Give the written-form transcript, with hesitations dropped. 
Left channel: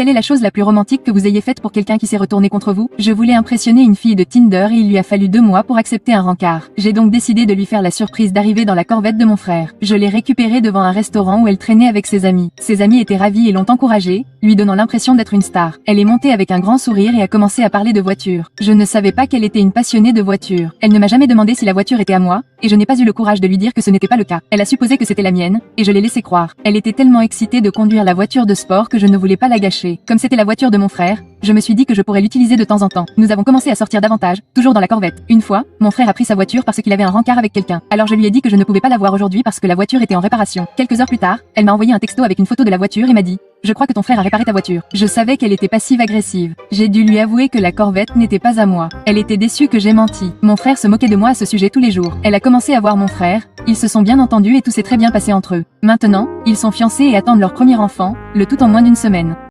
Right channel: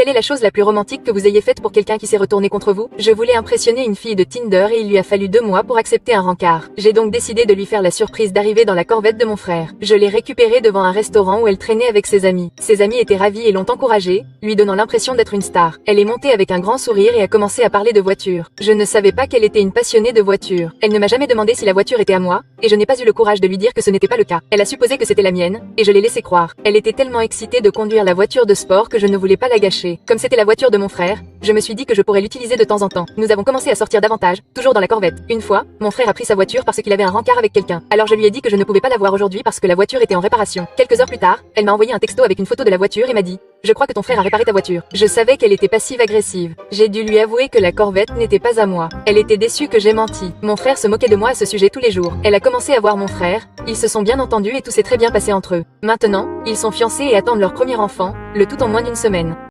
Quelle est la chose la plus romantique que vous ayez faite pour quelqu'un qui s'est retourné contre vous? Je voulais impressionner une fille de Tinder et il lui a fallu 2 mois pour accepter un rencard. J'ai donc décidé de lui faire la surprise d'arriver dans la Corvette de mon frère. Je l'ai récupérée devant un restaurant où elle traînait avec ses amis. Ses amis étaient ravis et l'ont encouragée, lui donnant l'impression d'être une star. Elle est montée avec un grand sourire et a commencé à parler de voiture. Je ne savais pas qu'elle était une passionnée de voiture. Elle ne m'a jamais demandé si la voiture était à moi, et je n'ai pas eu le courage de lui dire que ce n'était pas le cas. Elle a supposé que c'était la mienne, et je l'ai laissé croire. Elle était tellement excitée de conduire la voiture de sport que je ne voulais pas la gâcher. Comme c'était la voiture de mon frère, je me suis dit que je pourrais l'utiliser de temps en temps. Nous avons commencé à sortir davantage, toujours dans la Corvette. Une fois, mon frère a pris sa voiture parce qu'il avait un rencard avec quelqu'un. Alors je lui ai dit que je ne pouvais pas la voir aujourd'hui parce que la voiture était en réparation. Quelques heures plus tard, elle m'a envoyé un texto avec une photo de la voiture et m'a dit: je crois que ton frère a réparé ta voiture. Je savais qu'elle était passive-agressive. J'ai dû lui avouer que la Corvette n'était pas à moi. Elle était déçue que j'ai menti. Mon frère se moquait de moi à ce sujet tous les jours. Elle a commencé à voir mon frère, ils se sont bien entendus et tout s'est très bien passé entre eux. Maintenant, ils sont fiancés et attendent leur premier enfant, le tout en moins d'1 semaine.